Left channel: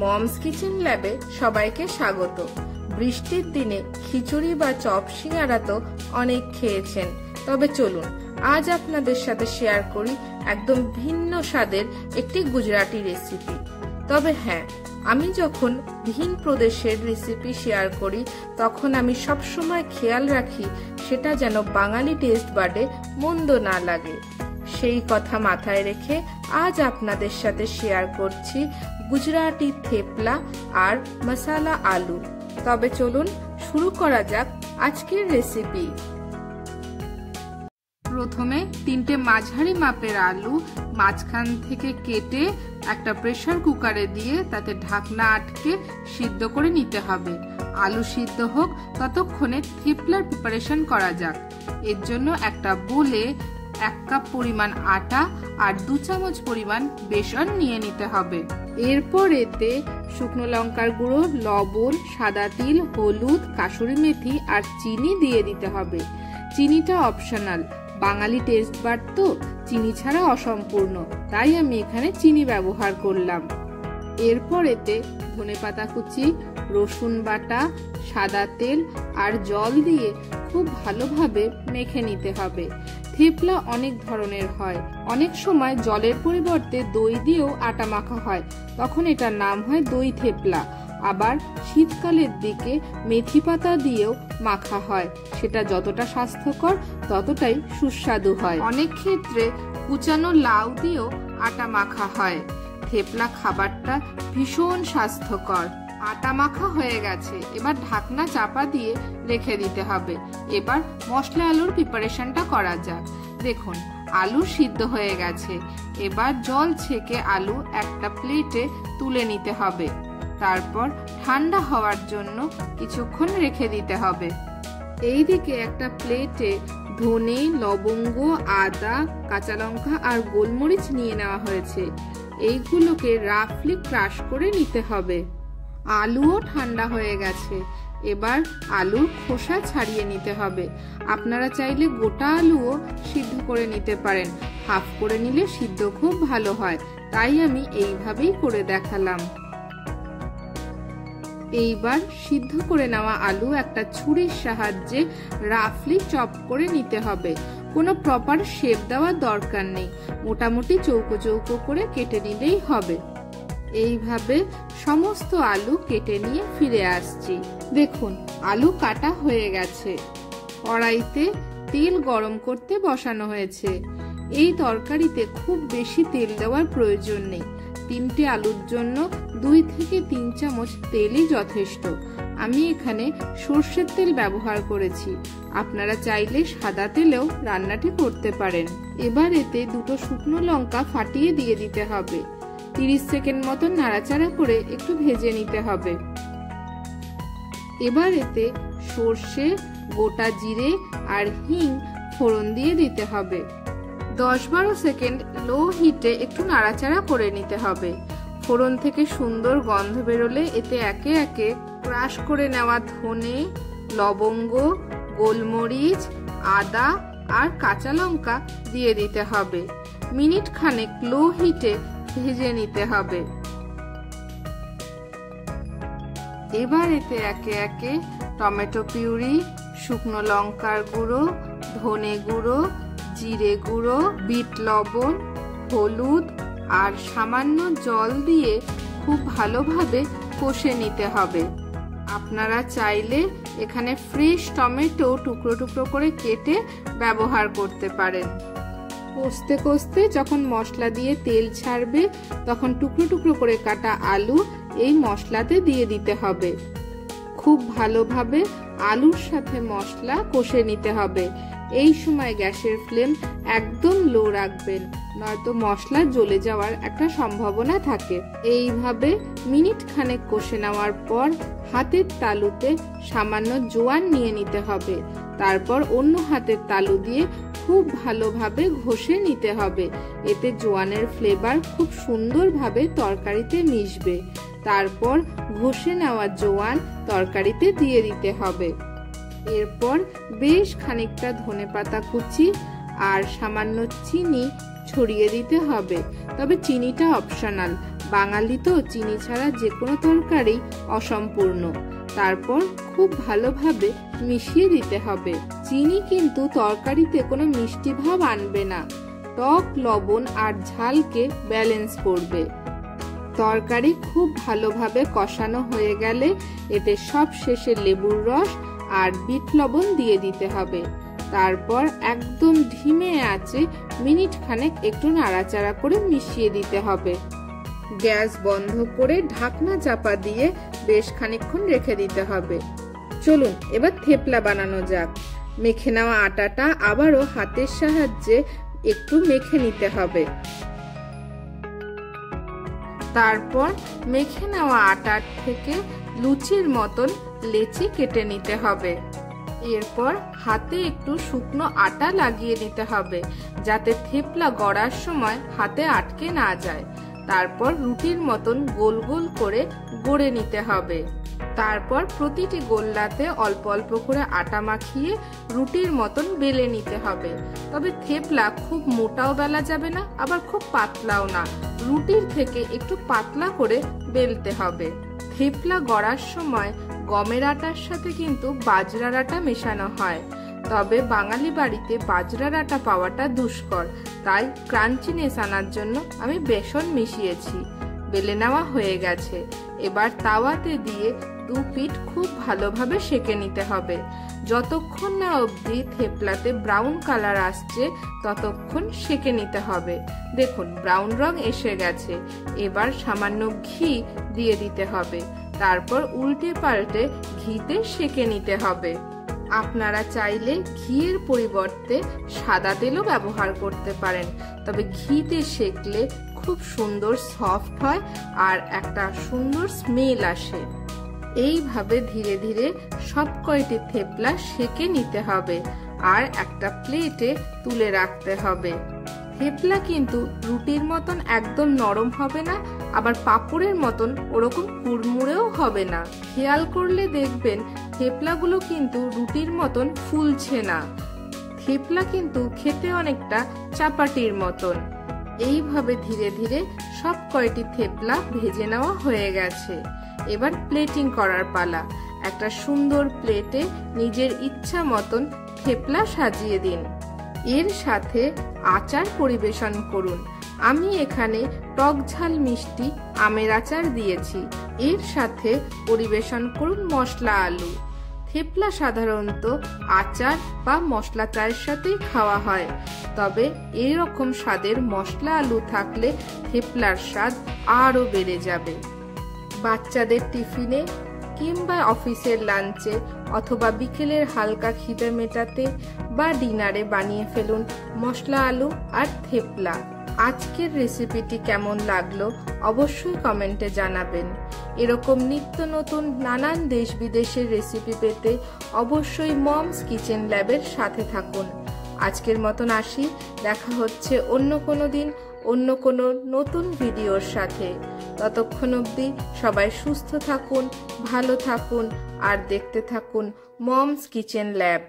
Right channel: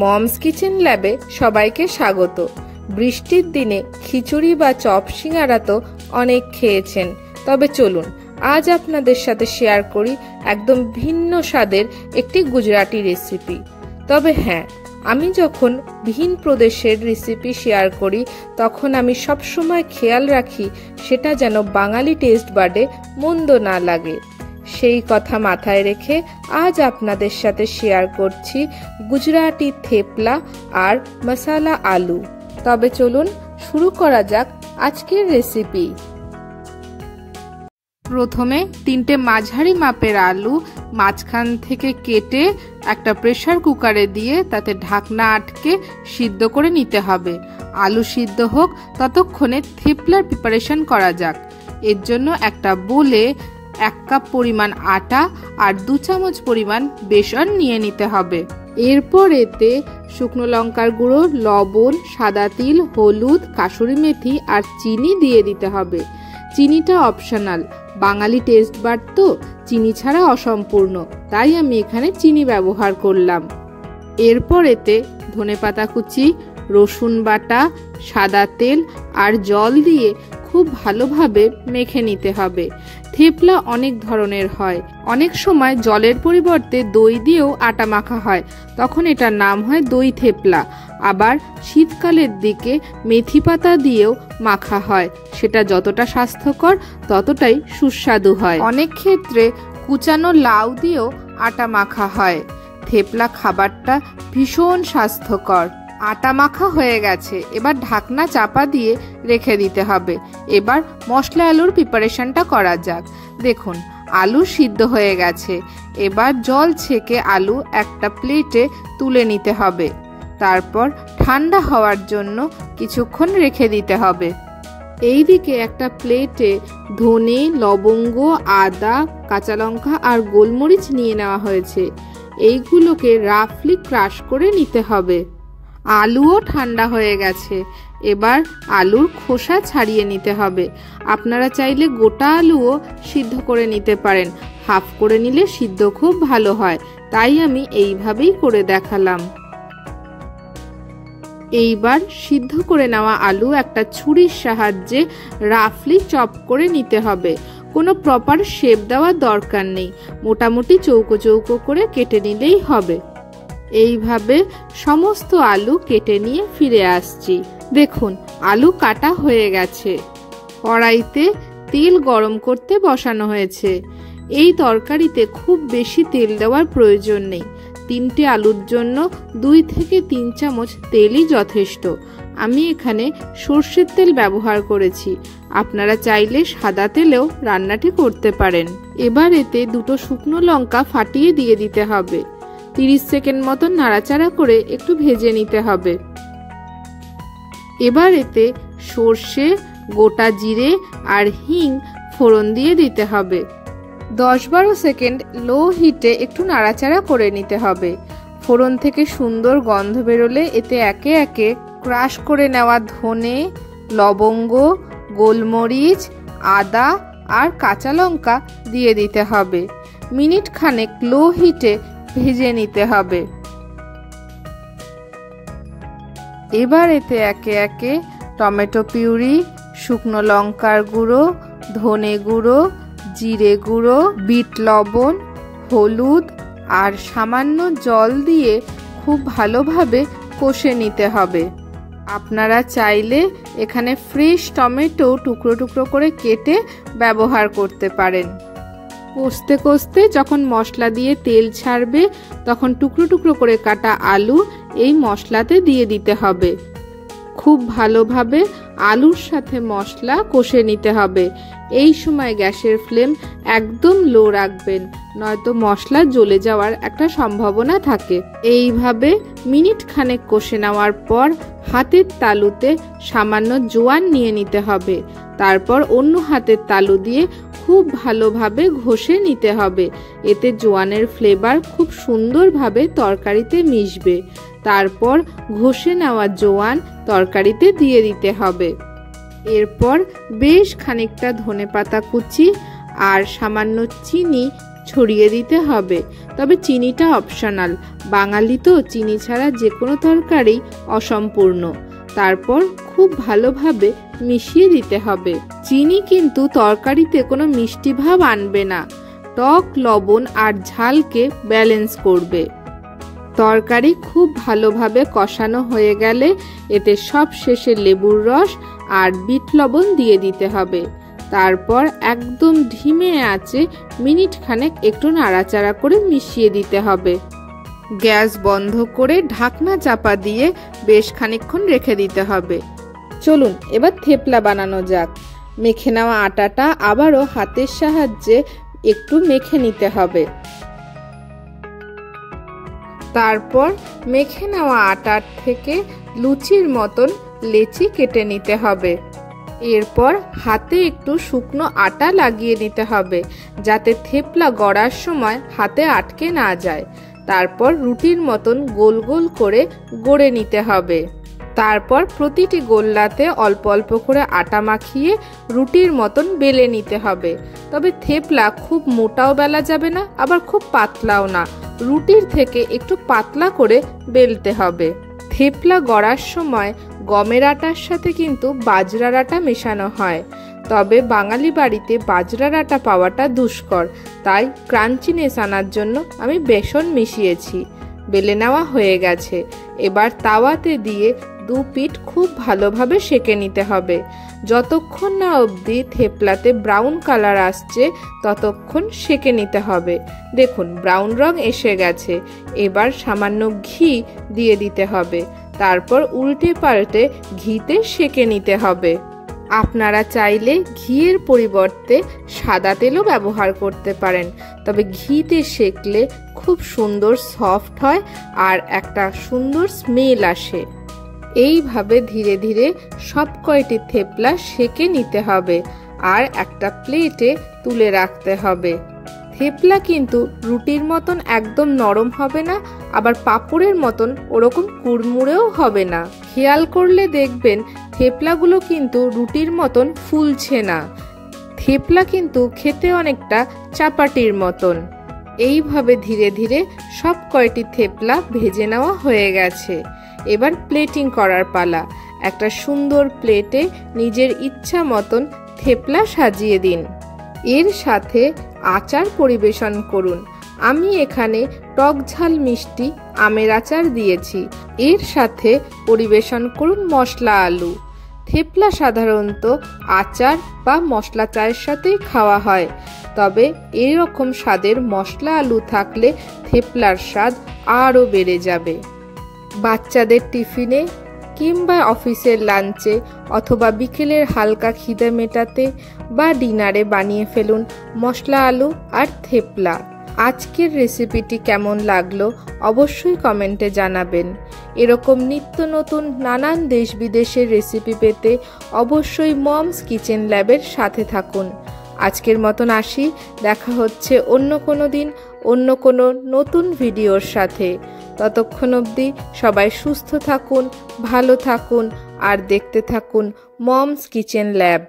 Moms kitchen ল্যাবে সবাইকে স্বাগত। বৃষ্টির দিনে খিচুড়ি বা চপ সিঙ্গারা তো অনেক খেয়েছেন, তবে চলুন আজ আপনাদের সাথে শেয়ার করি একদম ভিন্ন স্বাদের একটি গুজরাটি রেসিপি। তবে হ্যাঁ, আমি যখন ভিন প্রদেশের রেসিপি শেয়ার করি তখন আমি সবসময় খেয়াল রাখি সেটা যেন বাঙালি টেস্ট বাডে মন্দ না লাগে। সেই কথা মাথায় রেখে আজ আপনাদের সাথে শেয়ার করছি গুজরাটি থেপলা আর মশালা আলু। তবে চলুন শুরু করা যাক আজকের রেসিপি। প্রথমে 3টে মাঝারি মাপের আলু মাঝখান থেকে কেটে একটা প্রেসার কুকারে দিয়ে তাতে ঢাকনা আটকে সিদ্ধ করে নিতে হবে। আলু সিদ্ধ হোক ততক্ষণে থেপলার প্রিপারেশন করা যাক। এর জন্য একটা বোলে 1 কাপ পরিমাণ আটা আর 2 চামচ পরিমাণ বেসন নিয়ে নিতে হবে। এরপর এতে শুকনো লঙ্কার গুঁড়ো, লবণ, সাদা তিল, হলুদ, কাসুরি মেথি আর চিনি দিয়ে দিতে হবে। চিনিটা অপশনাল, বাঙালি টেস্ট বাড তো চিনি ছাড়া অসম্পূর্ণ, তাই আমি এখানে চিনি ব্যবহার করলাম। এরপর এতে ধনেপাতা কুচি, রসুন বাটা, সাদা তেল আর জল দিয়ে খুব ভালোভাবে মেখে নিতে হবে। থেপলা অনেক ধরনের হয়, অনেক সময় জলের পরিবর্তে দই দিয়েও আটা মাখা হয়, তখন এটার নাম হয় দই থেপলা। আবার শীতকালের দিকে মেথি পাতা দিয়েও মাখা হয়, সেটা যতটা স্বাস্থ্যকর ততটাই সুস্বাদু হয়। অনেক ক্ষেত্রে কুচানো লাউ দিয়েও আটা মাখা হয়। থেপলা খাবারটা ভীষণ স্বাস্থ্যকর। আটা মাখা হয়ে গেছে, এবার ঢাকনা চাপা দিয়ে রেখে দিতে হবে। এবার মশলা আলুর প্রিপারেশনটা করা যাক। দেখুন আলু সিদ্ধ হয়ে গেছে, এবার জল ছেঁকে আলু একটা প্লেটে তুলে নিতে হবে। তারপর ঠান্ডা হওয়ার জন্য কিছুক্ষণ রেখে দিতে হবে। এইদিকে একটা প্লেটে ধনে, লবঙ্গ, আদা, কাঁচা লঙ্কা আর গোলমরিচ নিয়ে নেওয়া হয়েছে। এইগুলোকে রাফলি ক্রাশ করে নিতে হবে। আলুও ঠান্ডা হয়ে গেছে, এবার আলুর খোসা ছাড়িয়ে নিতে হবে। আপনারা চাইলে গোটা আলুও সিদ্ধ করে নিতে পারেন, হাফ করে নিলে সিদ্ধ খুব ভালো হয়, তাই আমি এইভাবেই করে দেখালাম। এইবার সিদ্ধ করে নেওয়া আলু একটা ছুরির সাহায্যে রাফলি চপ করে নিতে হবে। কোনো প্রপার শেপ দেওয়ার দরকার নেই, মোটামুটি চৌকো চৌকো করে কেটে নিলেই হবে। এইভাবে সমস্ত আলু কেটে নিয়ে ফিরে আসছি। দেখুন আলু কাটা হয়ে গেছে। কড়াইতে তেল গরম করতে বসানো হয়েছে। এই তরকারিতে খুব বেশি তেল দেওয়ার প্রয়োজন নেই, 3টে আলুর জন্য 2 থেকে 3 চামচ তেলই যথেষ্ট। আমি এখানে সর্ষের তেল ব্যবহার করেছি, আপনারা চাইলে সাদা তেলেও রান্নাটি করতে পারেন। এবার এতে 2টো শুকনো লঙ্কা ফাটিয়ে দিয়ে দিতে হবে। 30 সেকেন্ড মতো নাড়াচাড়া করে একটু ভেজে নিতে হবে। এবার এতে সর্ষে, গোটা জিরে আর হিং ফোড়ন দিয়ে দিতে হবে। 10-12 সেকেন্ড লো হিটে একটু নাড়াচাড়া করে নিতে হবে। ফোড়ন থেকে সুন্দর গন্ধ বেরোলে এতে একে একে ক্রাশ করে নেওয়া ধনে, লবঙ্গ, গোলমরিচ, আদা আর কাঁচা লঙ্কা দিয়ে দিতে হবে। মিনিট খানেক লো হিটে ভেজে নিতে হবে। এবার এতে একে একে টমেটো পিউরি, শুকনো লঙ্কার গুঁড়ো, ধনে গুঁড়ো, জিরে গুঁড়ো, বিট লবণ, হলুদ আর সামান্য জল দিয়ে খুব ভালোভাবে কষে নিতে হবে। আপনারা চাইলে এখানে ফ্রেশ টমেটো টুকরো টুকরো করে কেটে ব্যবহার করতে পারেন। কষতে কষতে যখন মশলা দিয়ে তেল ছাড়বে তখন টুকরো টুকরো করে কাটা আলু এই মশলাতে দিয়ে দিতে হবে। খুব ভালোভাবে আলুর সাথে মশলা কষে নিতে হবে। এই সময় গ্যাসের ফ্লেম একদম লো রাখবেন, নয়তো মশলা জ্বলে যাওয়ার একটা সম্ভাবনা থাকে। এইভাবে মিনিট খানেক কষে নেওয়ার পর হাতের তালুতে সামান্য জোয়ান নিয়ে নিতে হবে। তারপর অন্য হাতের তালু দিয়ে খুব ভালোভাবে ঘষে নিতে হবে। এতে জোয়ানের ফ্লেভার খুব সুন্দরভাবে তরকারিতে মিশবে। তারপর ঘষে নেওয়া জোয়ান তরকারিতে দিয়ে দিতে হবে। এরপর বেশ খানিকটা ধনেপাতা কুচি আর সামান্য চিনি ছড়িয়ে দিতে হবে। তবে চিনিটা অপশনাল, বাঙালি তো চিনি ছাড়া যে কোনো তরকারি অসম্পূর্ণ। তারপর খুব ভালোভাবে মিশিয়ে দিতে হবে। চিনি কিন্তু তরকারিতে কোনো মিষ্টি ভাব আনবে না, টক, লবণ আর ঝালকে ব্যালেন্স করবে। তরকারি খুব ভালোভাবে কষানো হয়ে গেলে এতে সব শেষে লেবুর রস আর বিট লবণ দিয়ে দিতে হবে। তারপর একদম ধিমে আঁচে মিনিট খানেক একটু নাড়াচাড়া করে মিশিয়ে দিতে হবে। গ্যাস বন্ধ করে ঢাকনা চাপা দিয়ে বেশ খানিকক্ষণ রেখে দিতে হবে। চলুন এবার থেপলা বানানো যাক। মেখে নেওয়া আটাটা আবারও হাতের সাহায্যে একটু মেখে নিতে হবে। তারপর মেখে নেওয়া আটার থেকে লুচির মতন লেচি কেটে নিতে হবে। এরপর হাতে একটু শুকনো আটা লাগিয়ে নিতে হবে, যাতে থেপলা গড়ার সময় হাতে আটকে না যায়। তারপর রুটির মতন গোল গোল করে গড়ে নিতে হবে। তারপর প্রতিটি গোল্লাতে অল্প অল্প করে আটা মাখিয়ে রুটির মতন বেলে নিতে হবে। তবে থেপলা খুব মোটাও বেলা যাবে না, আবার খুব পাতলাও না, রুটির থেকে একটু পাতলা করে বেলতে হবে। থেপলা গড়ার সময় গমের আটার সাথে কিন্তু বাজরার আটা মেশানো হয়, তবে বাঙালি বাড়িতে বাজরার আটা পাওয়াটা দুষ্কর, তাই ক্রাঞ্চিনেস আনার জন্য আমি বেসন মিশিয়েছি। বেলে নেওয়া হয়ে গেছে। এবার তাওয়াতে দিয়ে দু পিঠ খুব ভালোভাবে সেঁকে নিতে হবে। যতক্ষণ না অবধি থেপলাতে ব্রাউন কালার আসছে ততক্ষণ সেঁকে নিতে হবে। দেখুন ব্রাউন রং এসে গেছে। এবার সামান্য ঘি দিয়ে দিতে হবে। তারপর উল্টে পাল্টে ঘিতে সেঁকে নিতে হবে। আপনারা চাইলে ঘিয়ের পরিবর্তে সাদা তেলও ব্যবহার করতে পারেন, তবে ঘিতে সেঁকলে খুব সুন্দর সফট হয় আর একটা সুন্দর স্মেল আসে। এইভাবে ধীরে ধীরে সব কয়টি থেপলা সেঁকে নিতে হবে আর একটা প্লেটে তুলে রাখতে হবে। থেপলা কিন্তু রুটির মতন একদম নরম হবে না, আবার পাঁপড়ের মতন ওরকম কুড়মুড়েও হবে না। খেয়াল করলে দেখবেন থেপলাগুলো কিন্তু রুটির মতন ফুলছে না। থেপলা কিন্তু খেতে অনেকটা চাপাটির মতন। এইভাবে ধীরে ধীরে সব কয়টি থেপলা ভেজে নেওয়া হয়ে গেছে। এবার প্লেটিং করার পালা। একটা সুন্দর প্লেটে নিজের ইচ্ছা মতন থেপলা সাজিয়ে দিন। এর সাথে আচার পরিবেশন করুন। আমি এখানে টক ঝাল মিষ্টি আমের আচার দিয়েছি। এর সাথে পরিবেশন করুন মশলা আলু। থেপলা সাধারণত আচার বা মশলা চায়ের সাথেই খাওয়া হয়, তবে এরকম স্বাদের মশলা আলু থাকলে থেপলার স্বাদ আরও বেড়ে যাবে। বাচ্চাদের টিফিনে কিংবা অফিসের লাঞ্চে অথবা বিকেলের হালকা খিদে মেটাতে বা ডিনারে বানিয়ে ফেলুন মশলা আলু আর থেপলা। আজকের রেসিপিটি কেমন লাগলো অবশ্যই কমেন্টে জানাবেন। এরকম নিত্য নতুন নানান দেশ বিদেশের রেসিপি পেতে অবশ্যই মমস কিচেন ল্যাবের সাথে থাকুন। আজকের মতন আসি, দেখা হচ্ছে অন্য কোনো দিন অন্য কোনো নতুন ভিডিওর সাথে। ততক্ষণ অবধি সবাই সুস্থ থাকুন, ভালো থাকুন আর দেখতে থাকুন মমস কিচেন ল্যাব।